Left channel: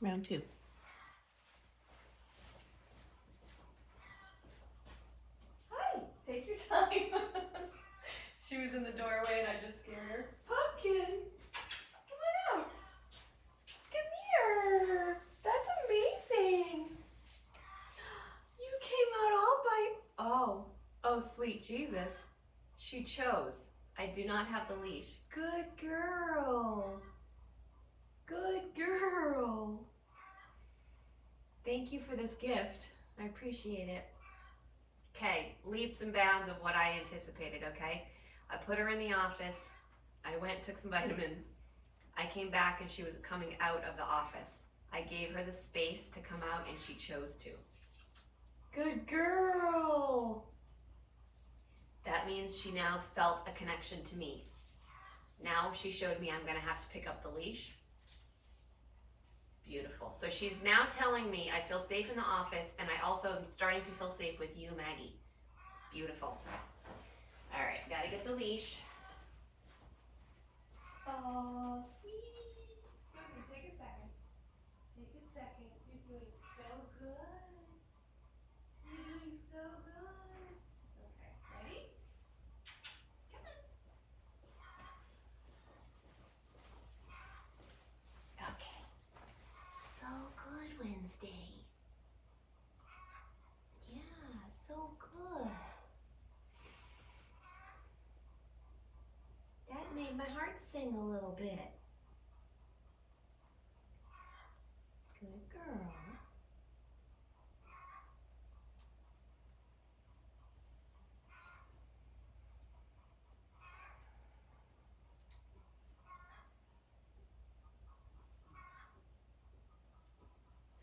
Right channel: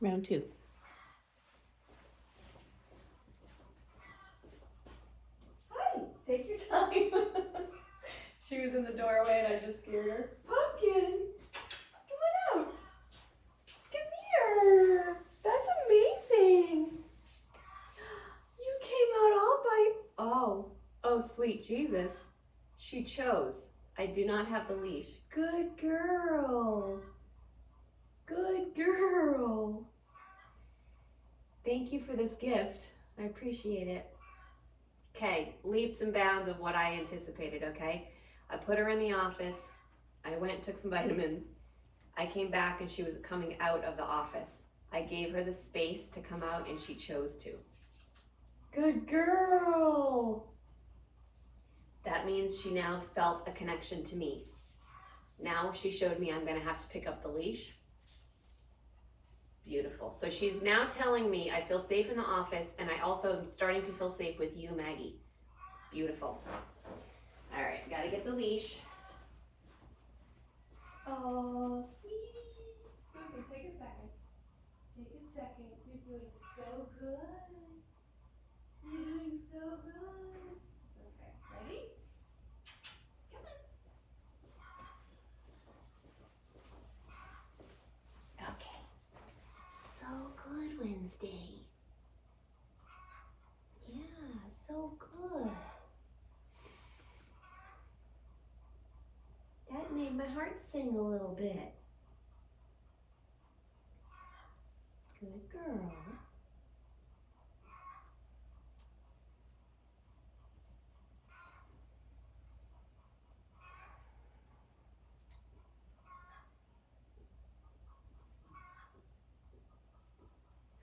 Round two. Hi, take your time. She was in the doorway and I just scared her. Pumpkin, come on out. Come here. That's amazing. You came out all by, oh, sweet Jesus. She chose. I do not have the leash. Good girl. Good girl. Thank you for this gift. I appreciate it. Okay, leaps and bounds of what I anticipated, okay? I put her in the office. I went and took some vitamins. I came back and she was coming out of the office. I gave her the space to come out and she chose to. Good girl. That means she now felt a connection to me. Now she showed me I'm gonna have to pick up the leash. Beautiful. So she's now telling me I feel safe in the office and I also am starting to feel safe with you, Maggie. Beautiful. All right, gotta get the leash. Oh, sweetie. Okay, take a second. Take a second. You're doing so good. You're doing so good. Okay, ready? Come on. Okay. So good, Wednesday. Yeah, so good. That made my heart sing a little bit. Good girl.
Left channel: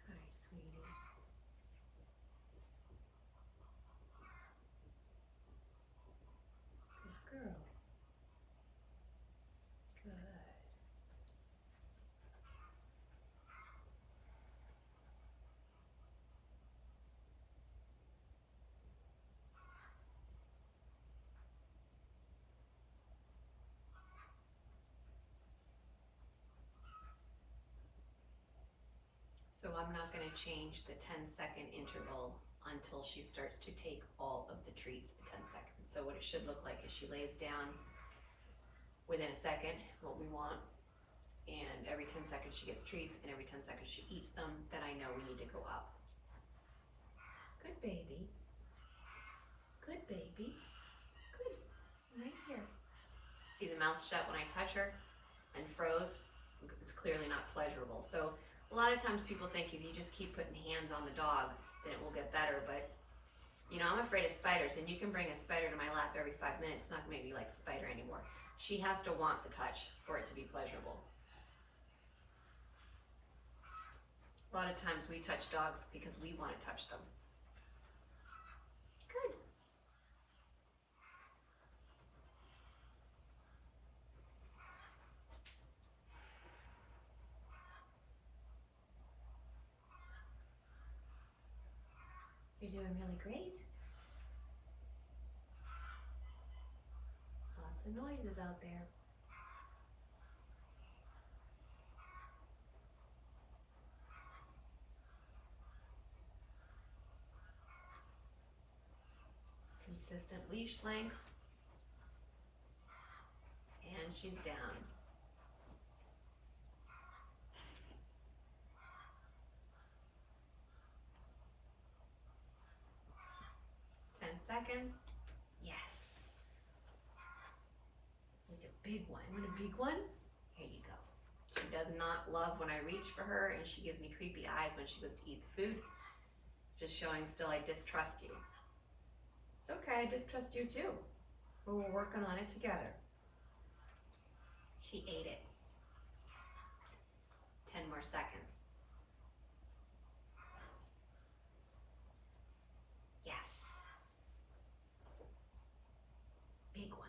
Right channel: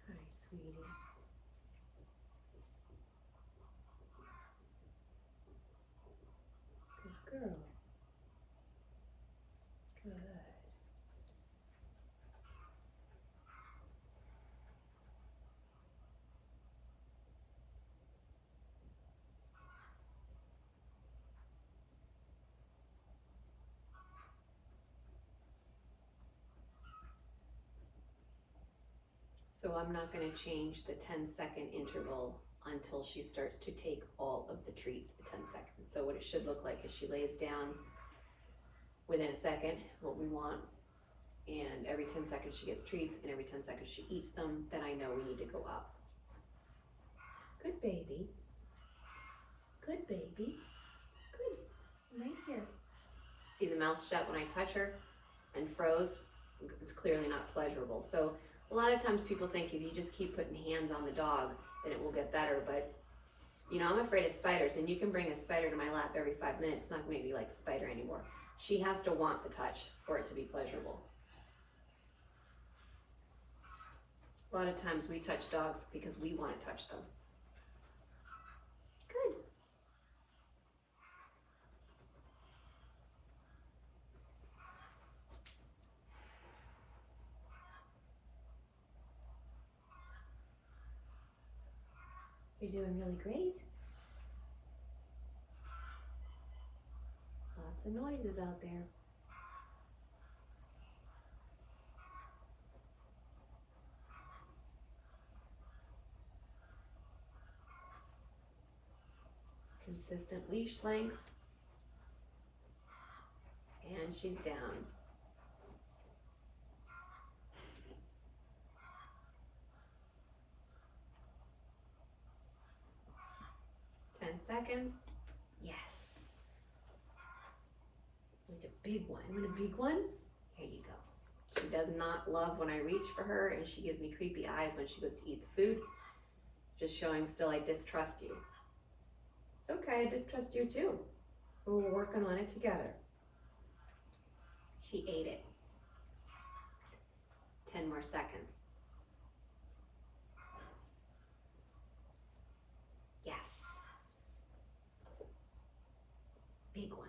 Hi, sweetie. Good girl. Good. So I'm not going to change the 10-second interval until she starts to take all of the treats at 10 seconds. So what it should look like is she lays down within a second, what we want, and every 10 seconds she gets treats, and every 10 seconds she eats them, then I know we need to go up. Good baby. Good baby. Good. Right here. See the mouth shut when I touch her and froze? It's clearly not pleasurable. So a lot of times people think if you just keep putting hands on the dog, then it will get better. But, you know, I'm afraid of spiders, and you can bring a spider to my lap every 5 minutes. It's not going to make me like the spider anymore. She has to want the touch for it to be pleasurable. A lot of times we touch dogs because we want to touch them. Good. You're doing really great. Lots of noises out there. Consistent leash length. And she's down. Seconds. Yes. It's a big one. You want a big one? Here you go. She does not love when I reach for her, and she gives me creepy eyes when she goes to eat the food. Just showing still I distrust you. It's okay, I distrust you too. But we're working on it together. She ate it. 10 more seconds. Yes. Big one.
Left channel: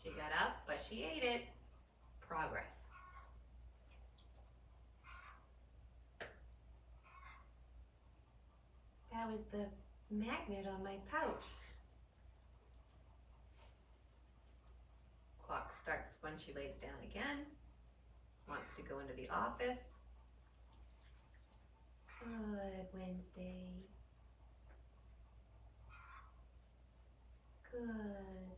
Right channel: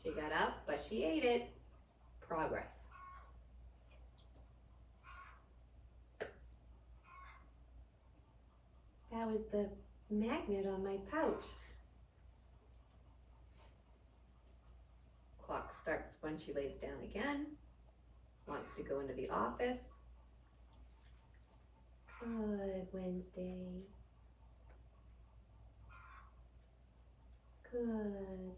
She got up, but she ate it. Progress. That was the magnet on my pouch. Clock starts when she lays down again. wants to go into the office. Good, Wednesday. Good.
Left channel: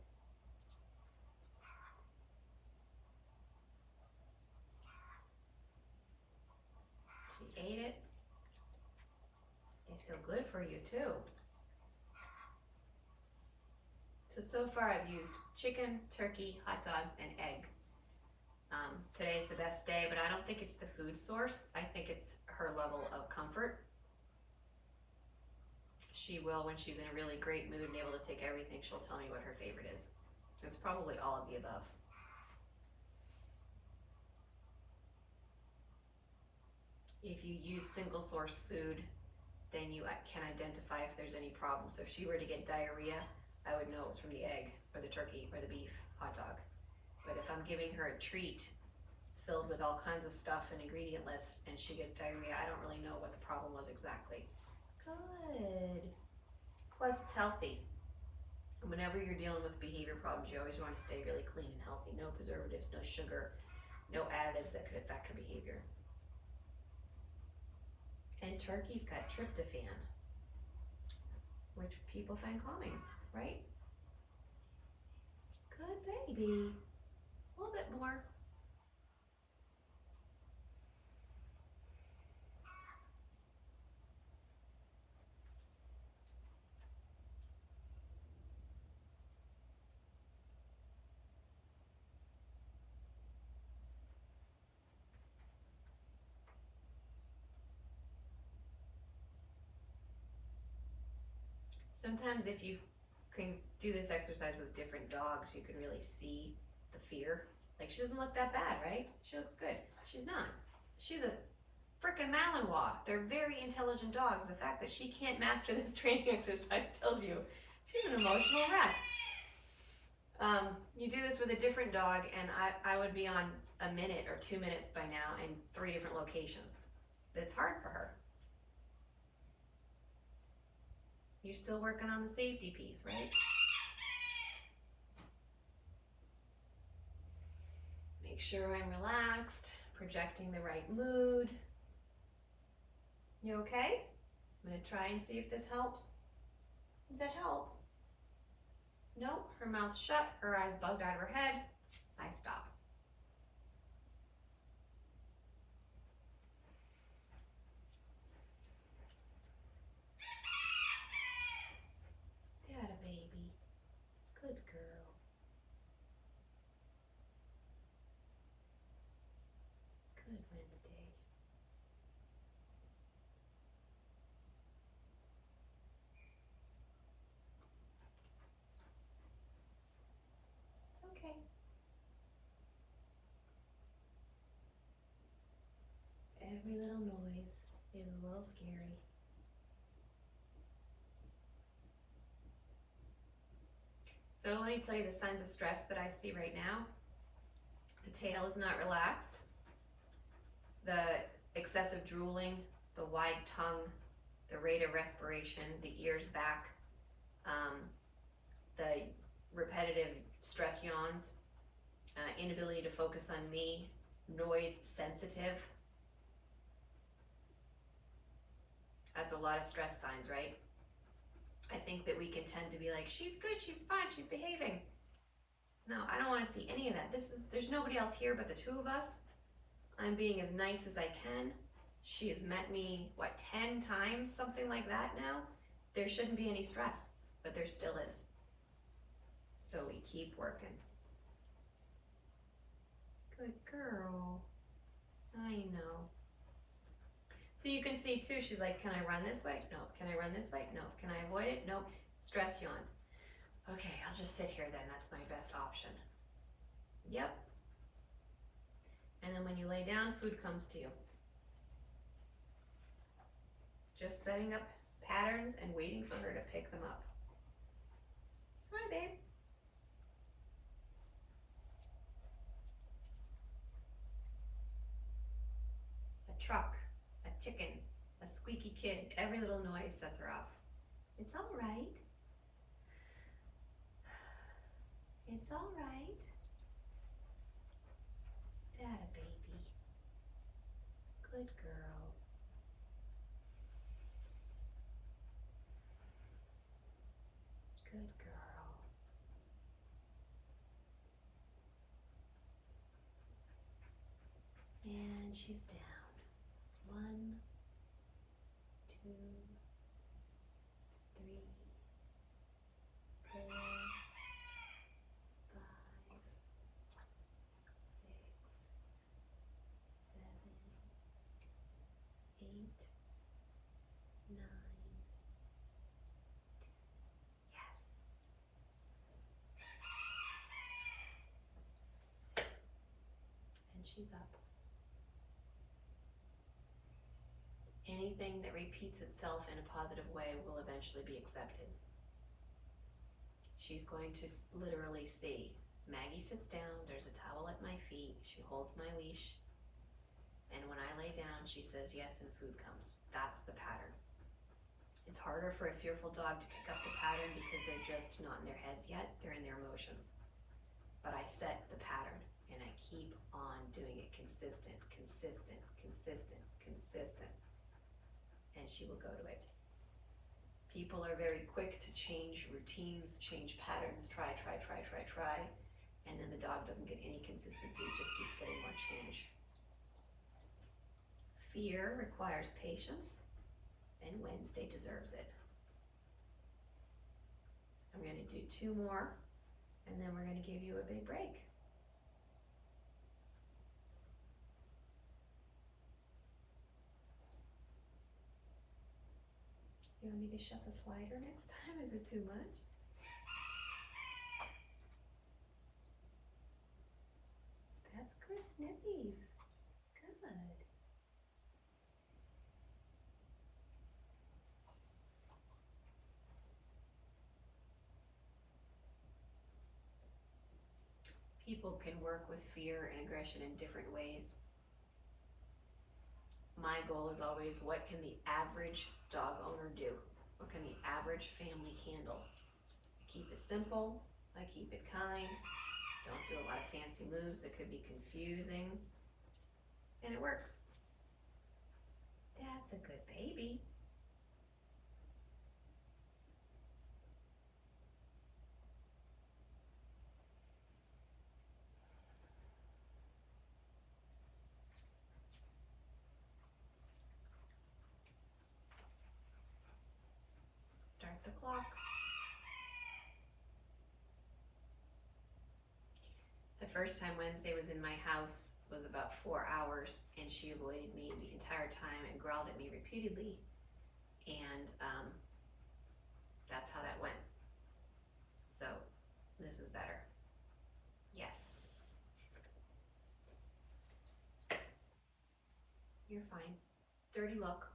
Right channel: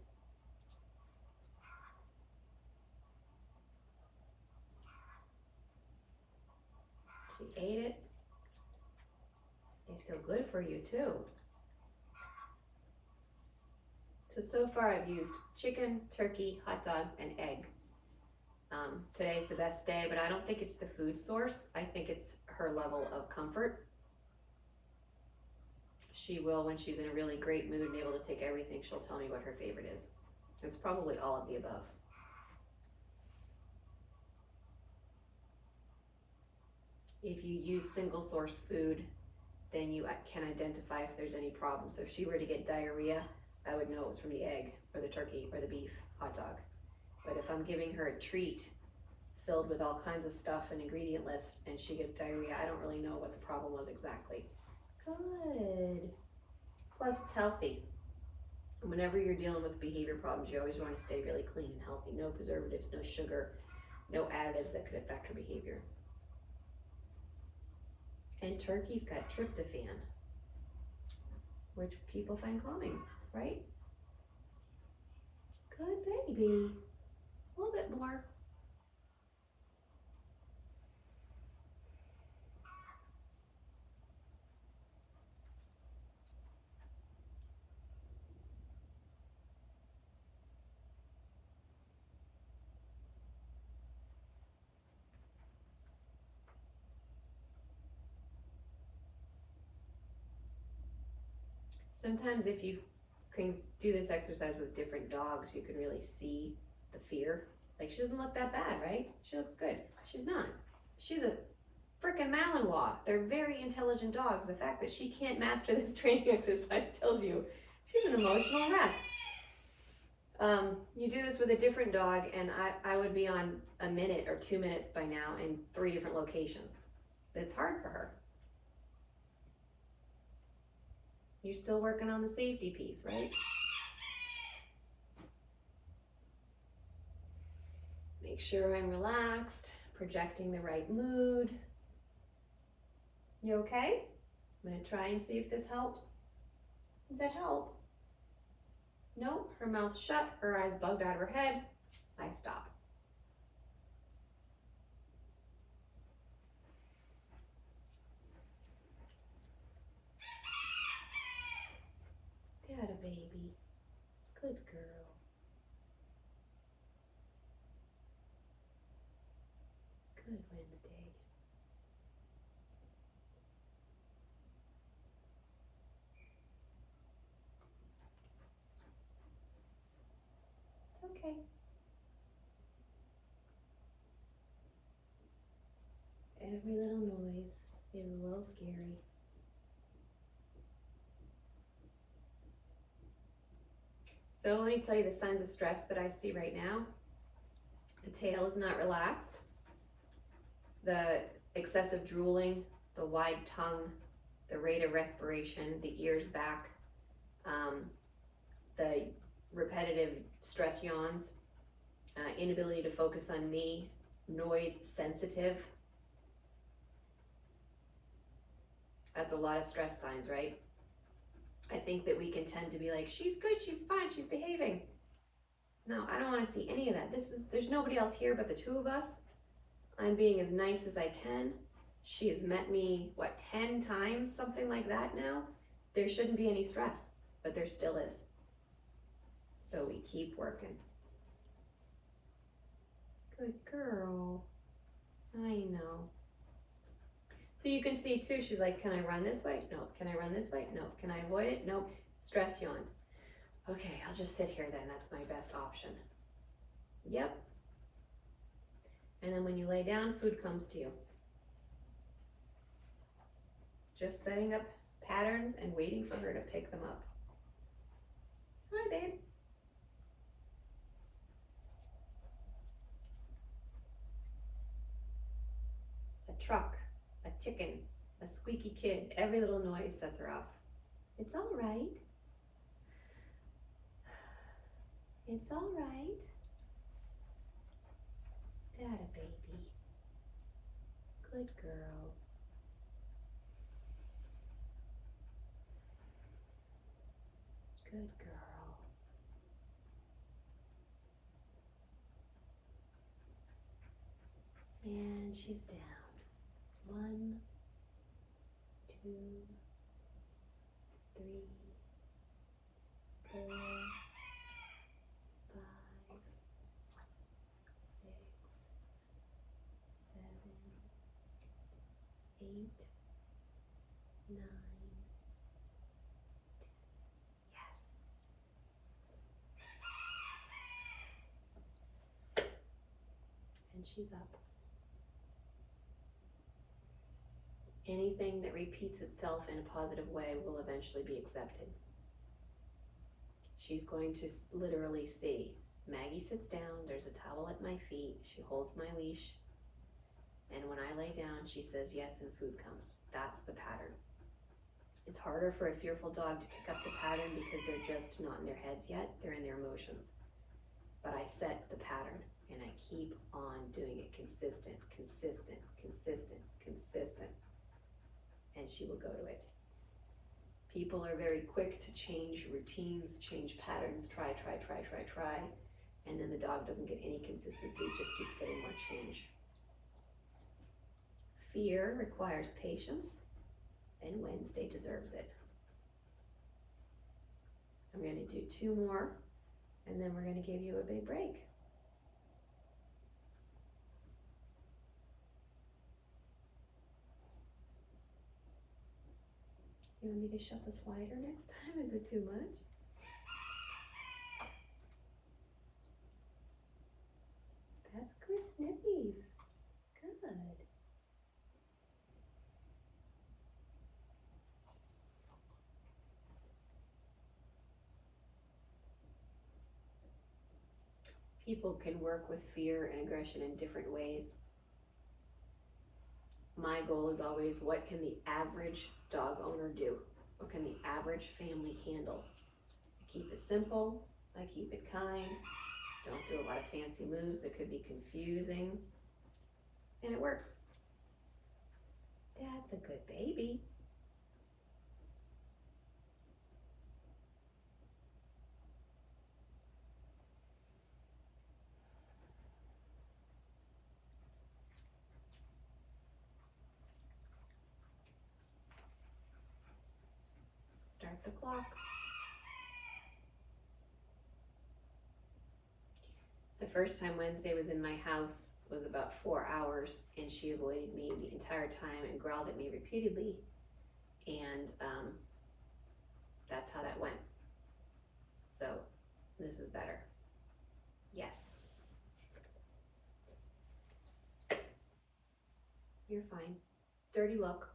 She ate it. It's so good for you too. So far I've used chicken, turkey, hot dogs, and egg. Today's the best day, but I don't think it's the food source. I think it's her level of comfort. She will, when she's in a really great mood and able to take everything, she'll tell me what her favorite is. It's probably all of the above. If you use single source food, then you can identify if there's any problem. So if she were to get diarrhea, I would know it was from the egg or the turkey or the beef hot dog. But if I'm giving her a treat filled with all kinds of stuff and ingredient list and she gets diarrhea, I don't really know what the problem was exactly. Good. Plus it's healthy. Whenever you're dealing with behavior problems, you always want to stay really clean and healthy. No preservatives, no sugar, no additives that could affect her behavior. And turkey's got tryptophan, which people find calming, right? Good baby. A little bit more. Sometimes if you can do this exercise with different dogs, you can really see the fear. Like, she doesn't look that bad, right? She looks good. She's not. She's a frickin' Malinois. They're very intelligent dogs. The fact that she can't master this training exercise tells you she's an emotional wreck. You do this with a different dog, and I would be on a minute or 2 minutes by now in 3 different locations. It's hard for her. You're still working on the safety piece, right? Make sure I'm relaxed, projecting the right mood. You okay? I'm gonna try and see if this helps. Does that help? No, her mouth's shut, her eyes bugged out of her head. I stop. Dada baby. Good girl. Good Wednesday. It's okay. Every little noise is a little scary. So let me tell you the signs of stress that I see right now. The tail is not relaxed. The excessive drooling, the wide tongue, the rate of respiration, the ears back, the repetitive stress yawns, inability to focus on me, noise sensitive. That's a lot of stress signs, right? I think that we can tend to be like, she's good, she's fine, she's behaving. No, I don't want to see any of that. There's nobody else here but the two of us. I'm being as nice as I can. She has met me, 10 times, something like that now? There shouldn't be any stress, but there still is. So we keep working. Good girl. I know. So you can see too, she's like, can I run this way? No. Can I run this way? No. Can I avoid it? No. Stress yawn. Okay, I'll just sit here then. That's my best option. Yep. And then when you lay down, food comes to you. Just setting up patterns and waiting for her to pick them up. Hi, babe. A truck, a chicken, a squeaky kid, every little noise sets her off. It's all right. It's all right. Dada baby. Good girl. Good girl. And she's down. 1, 2, 3, 4, 5, 6, 7, 8, 9, 10. Yes. And she's up. Anything that repeats itself in a positive way will eventually be accepted. She's going to literally see, Maggie sits down, there's a towel at my feet, she holds my leash, and when I lay down, she says yes and food comes. That's the pattern. It's harder for a fearful dog to pick up the pattern because they're just not in their heads yet, they're in their emotions. But I set the pattern and I keep on doing it consistent, consistent, consistent, consistent. And she will go to it. People are very quick to change routines, change patterns, try, and then the dog doesn't get any consistency, it just keeps getting more change. Fear requires patience, and Wednesday deserves it. I'm going to do 2 more, and then we're going to give you a big break. You want me to shut the slider next time? Is it too much? That's good, Sniffies. Good. People can work with fear and aggression in different ways. My goal is always, what can the average dog owner do? What can the average family handle? I keep it simple, I keep it kind, don't do a lot of fancy moves that could be confusing, and it works. That's a good baby. Start the clock. The first time Wednesday was in my house was about 4 hours, and she avoided me the entire time and growled at me repeatedly, and that's how that went. So this is better. Yes. You're fine. Dirty look.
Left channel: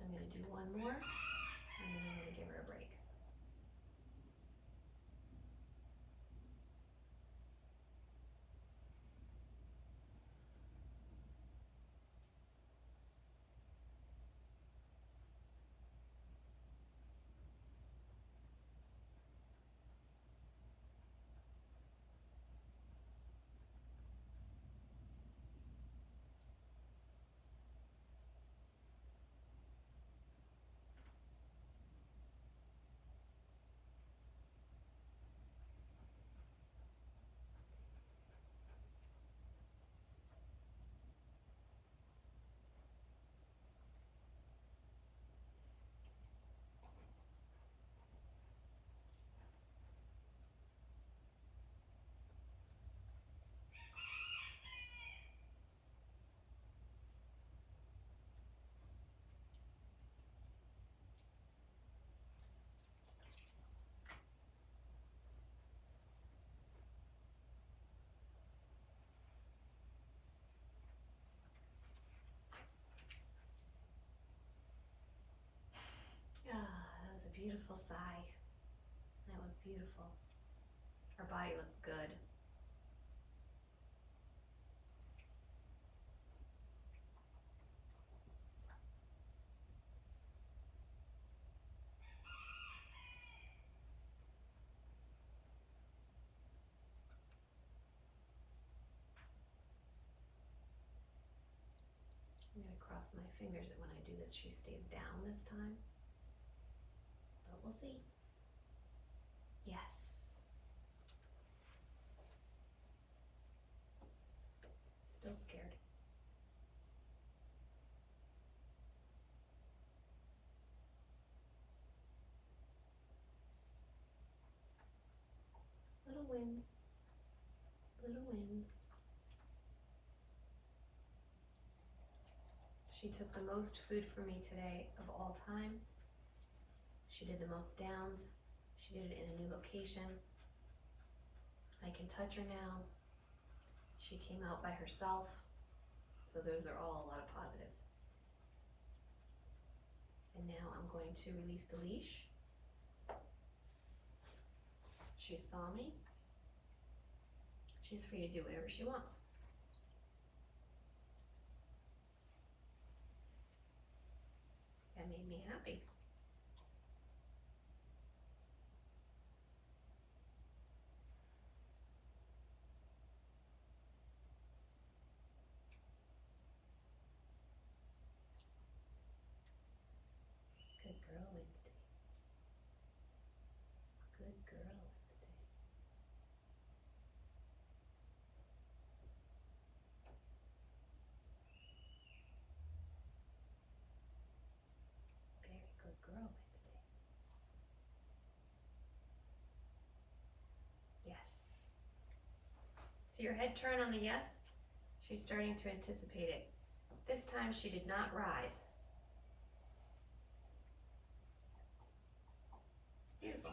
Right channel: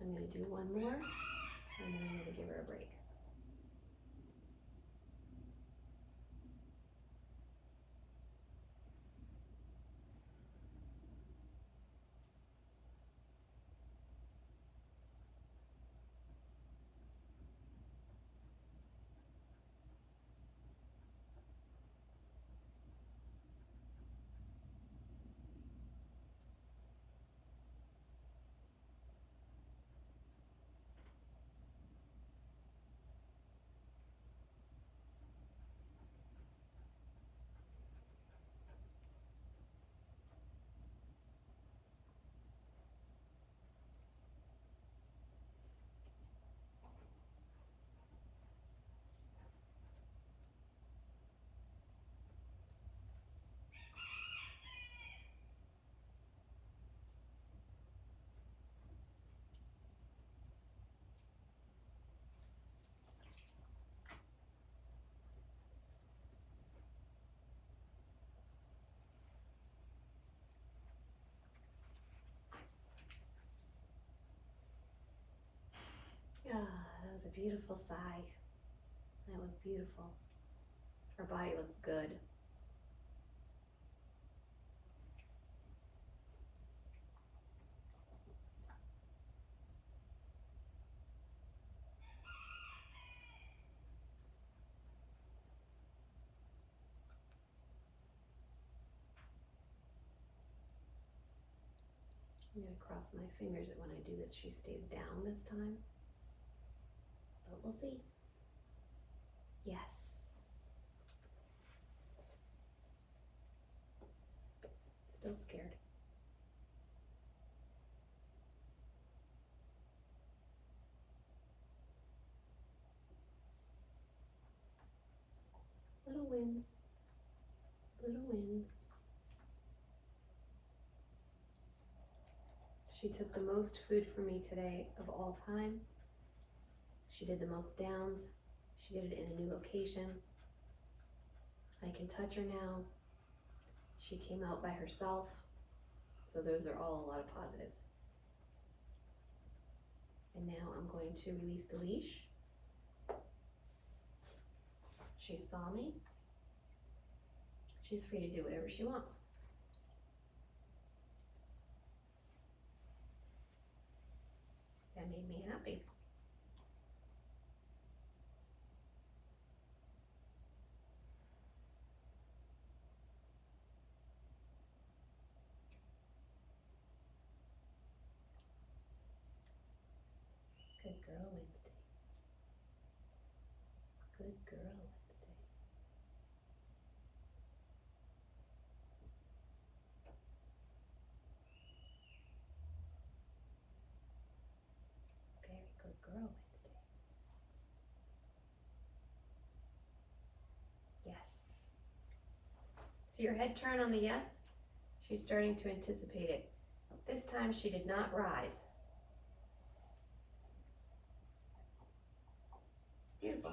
I'm going to do 1 more, and then I'm going to give her a break. That was a beautiful sigh. That was beautiful. Her body looks good. I'm gonna cross my fingers that when I do this, she stays down this time. But we'll see. Yes. Still scared. Little wins. Little wins. She took the most food from me today of all time. She did the most downs. She did it in a new location. I can touch her now. She came out by herself. So those are all a lot of positives. And now I'm going to release the leash. She saw me. She's free to do whatever she wants. That made me happy. Good girl, Wednesday. Good girl, Wednesday. Very good girl, Wednesday. Yes. See your head turn on the yes? She's starting to anticipate it. This time she did not rise. Beautiful.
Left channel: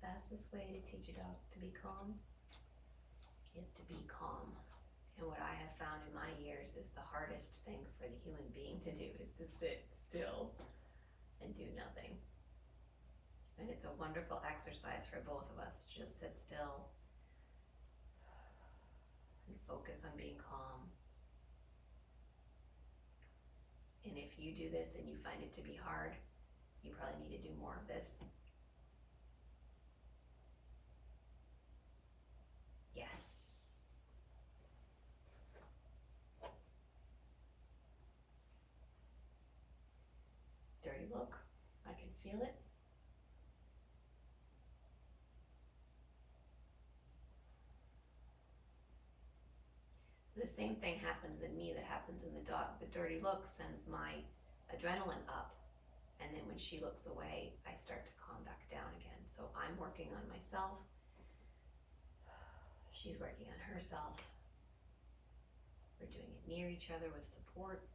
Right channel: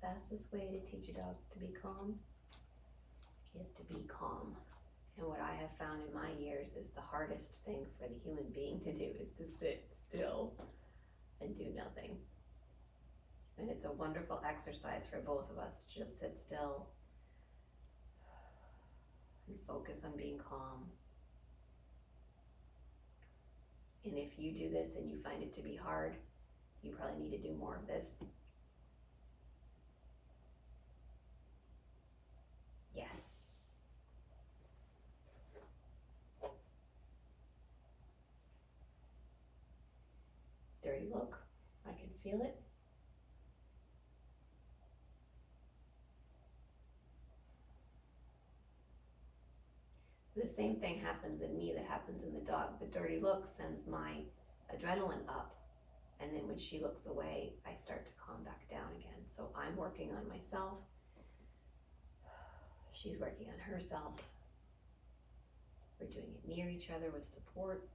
The fastest way to teach a dog to be calm is to be calm. And what I have found in my years is the hardest thing for the human being to do is to sit still and do nothing. And it's a wonderful exercise for both of us to just sit still and focus on being calm. And if you do this and you find it to be hard, you probably need to do more of this. Yes. Dirty look. I can feel it. The same thing happens in me that happens in the dog. The dirty look sends my adrenaline up. And then when she looks away, I start to calm back down again. So I'm working on myself. She's working on herself. We're doing it near each other with support.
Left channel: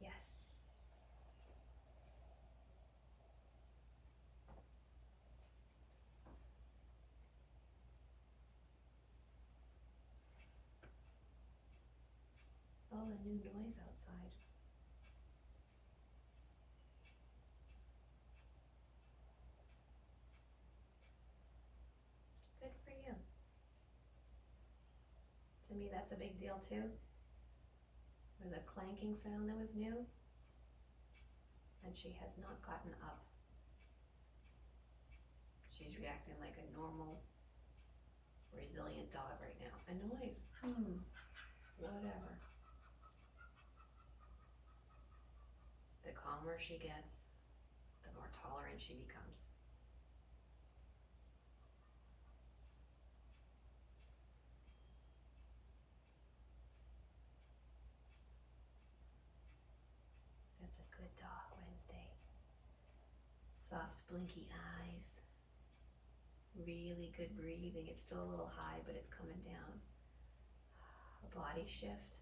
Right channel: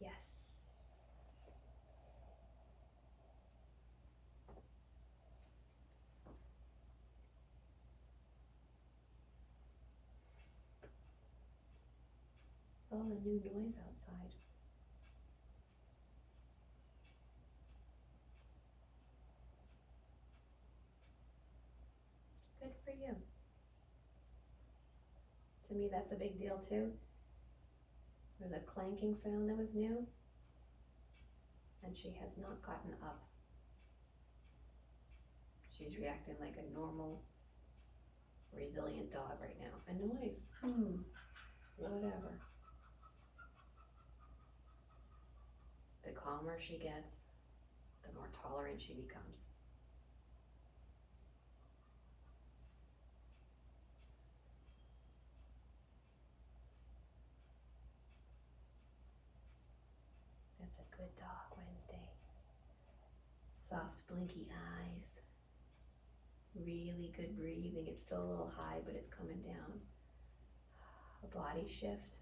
Yes. Oh, a new noise outside. Good for you. To me, that's a big deal too. There's a clanking sound that was new, and she has not gotten up. She's reacting like a normal, resilient dog right now. A noise, whatever. The calmer she gets, the more tolerant she becomes. That's a good dog, Wednesday. Soft blinky eyes. Really good breathing. It's still a little high, but it's coming down. a body shift.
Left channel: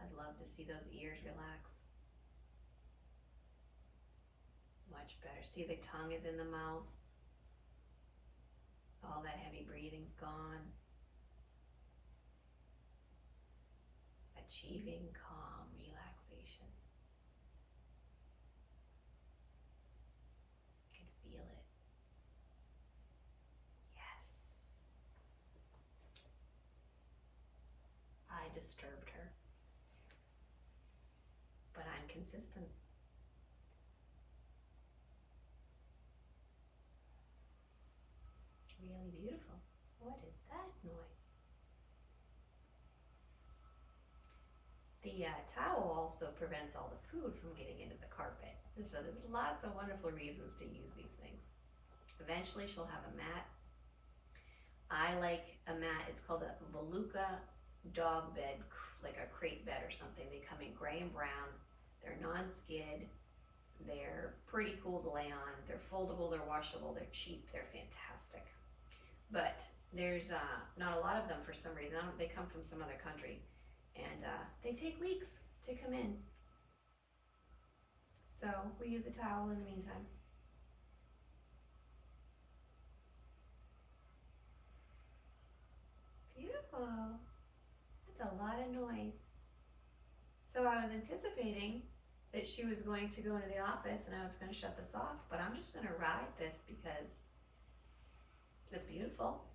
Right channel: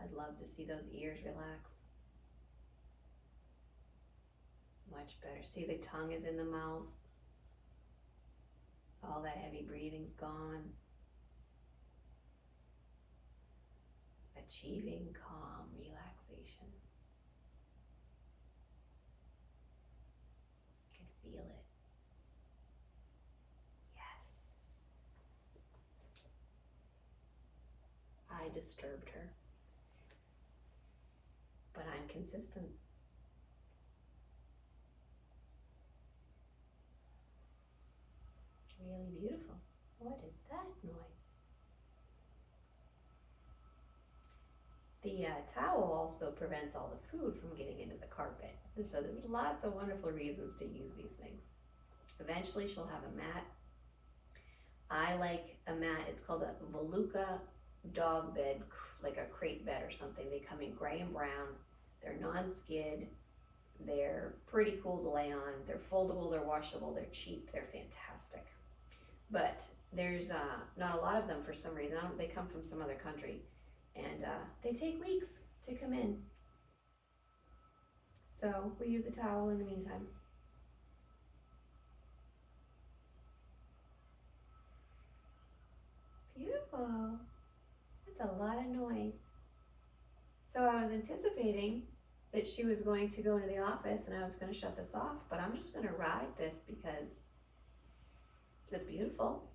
I'd love to see those ears relax. Much better. See, the tongue is in the mouth. All that heavy breathing's gone. Achieving calm relaxation. You can feel it. Yes. I disturbed her. But I'm consistent. Really beautiful. What is that noise? The towel also prevents all the food from getting into the carpet. So there's lots of wonderful reasons to use these things. Eventually she'll have a mat. I like a mat, it's called a Voluka dog bed, like a crate bed or something. They come in gray and brown. They're non-skid. They're pretty cool to lay on. They're foldable, they're washable, they're cheap, they're fantastic. But there's not a lot of them for some reason. They come from some other country, and they take weeks to come in. So we use a towel in the meantime. Beautiful. That's a lot of noise. So I was anticipating that she was going to go into the office and I was going to shut this off, but I'm just going to ride this because it's beautiful.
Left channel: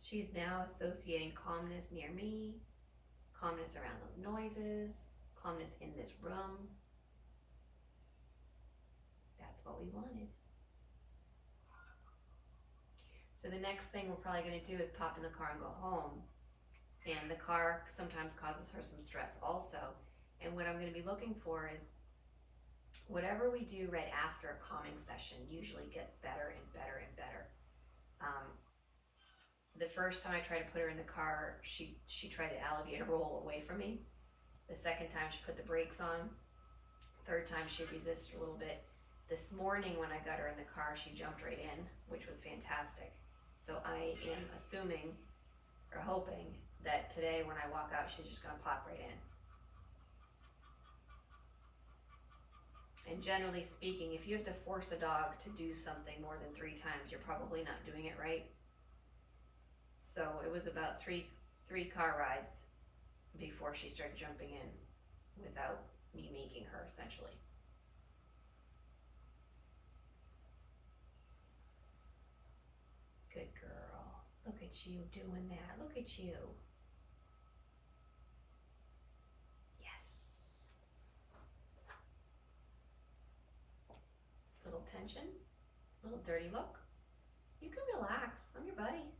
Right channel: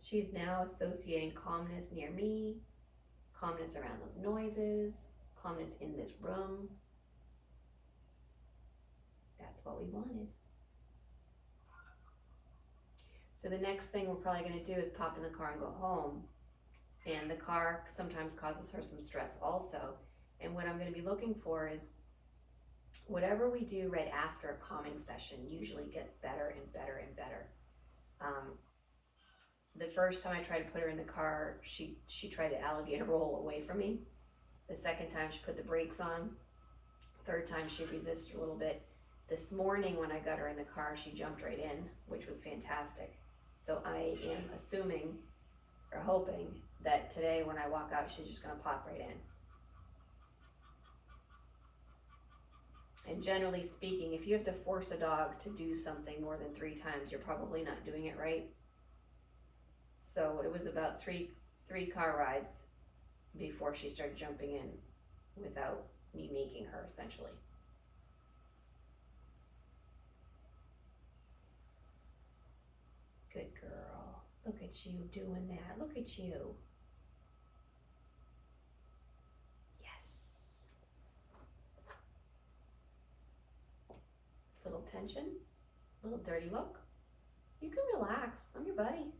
She's now associating calmness near me, calmness around those noises, calmness in this room. That's what we wanted. So the next thing we're probably going to do is pop in the car and go home. And the car sometimes causes her some stress also. And what I'm going to be looking for is whatever we do right after a calming session usually gets better and better and better. The first time I tried to put her in the car, she tried to alligator roll away from me. The second time she put the brakes on. Third time she resisted a little bit. This morning when I got her in the car, she jumped right in, which was fantastic. So I am assuming or hoping that today when I walk out, she's just gonna pop right in. And generally speaking, if you have to force a dog to do something more than 3 times, you're probably not doing it right. So it was about three car rides before she started jumping in without me making her, essentially. Good girl. Look at you doing that. Look at you. Yes. Little tension, little dirty look. You can relax. I'm your buddy.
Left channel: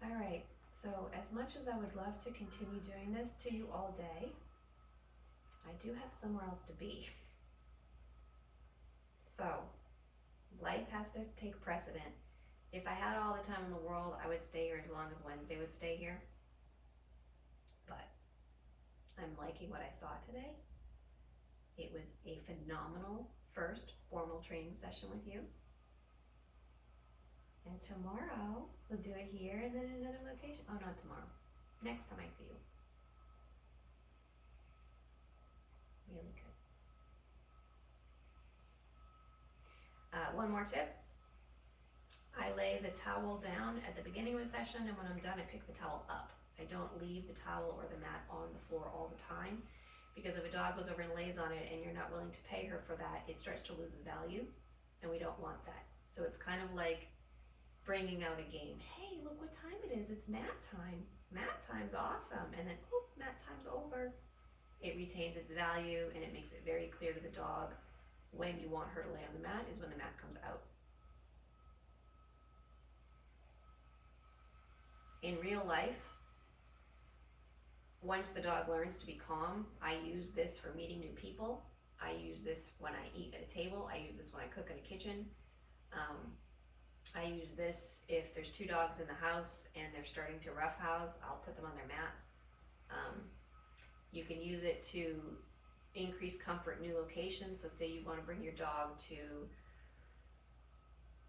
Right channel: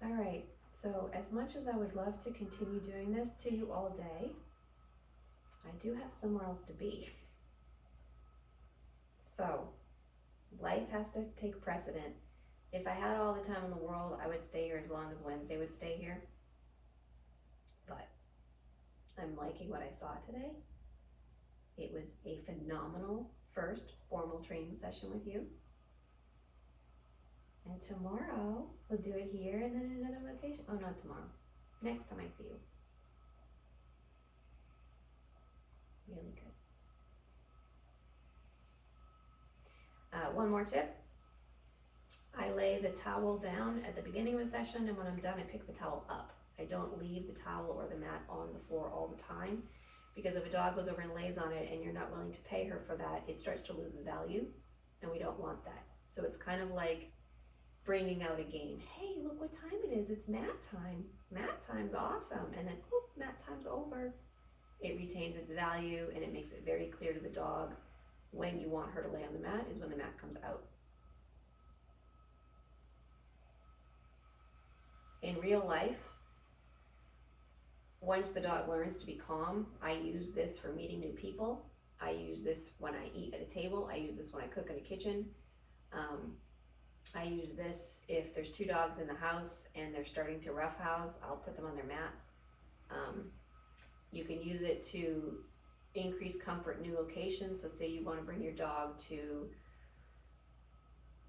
All right, so as much as I would love to continue doing this to you all day, I do have somewhere else to be. So life has to take precedent. If I had all the time in the world, I would stay here as long as Wednesday would stay here. But I'm liking what I saw today. It was a phenomenal first formal training session with you. And tomorrow, we'll do it here and then in another location. Oh, not tomorrow. Next time I see you. Really good. One more tip. I lay the towel down at the beginning of a session, and when I'm done, I pick the towel up. I don't leave the towel or the mat on the floor all the time, because if a dog goes over and lays on it and you're not willing to pay her for that, it starts to lose value, and we don't want that. So it's kind of like bringing out a game. Hey, look what time it is. It's mat time. Mat time's awesome. And then, whoop, mat time's over. It retains its value, and it makes it very clear to the dog when you want her to lay on the mat is when the mat comes out. In real life, once the dog learns to be calm, I use this for meeting new people. I use this when I eat at a table. I use this when I cook in a kitchen. I use this if there's 2 dogs in the house and they're starting to roughhouse, I'll put them on their mats. You can use it to increase comfort in new locations. So say you want to bring your dog to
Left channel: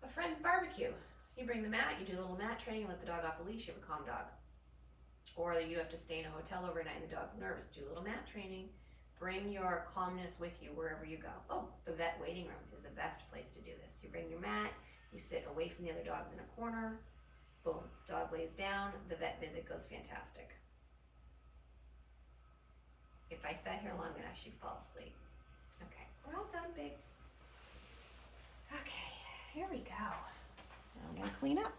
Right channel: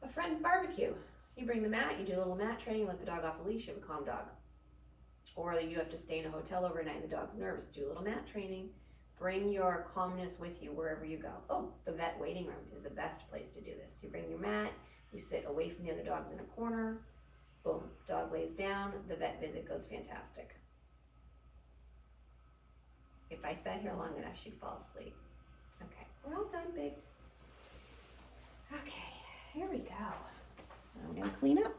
a friend's barbecue. You bring the mat, you do a little mat training, let the dog off the leash, you have a calm dog. Or you have to stay in a hotel overnight and the dog's nervous, do a little mat training. Bring your calmness with you wherever you go. Oh, the vet waiting room is the best place to do this. You bring your mat, you sit away from the other dogs in a corner, boom, dog lays down, the vet visit goes fantastic. If I sat here long enough, she'd fall asleep. Okay, we're all done, babe. Okay, here we go. I'm gonna clean up.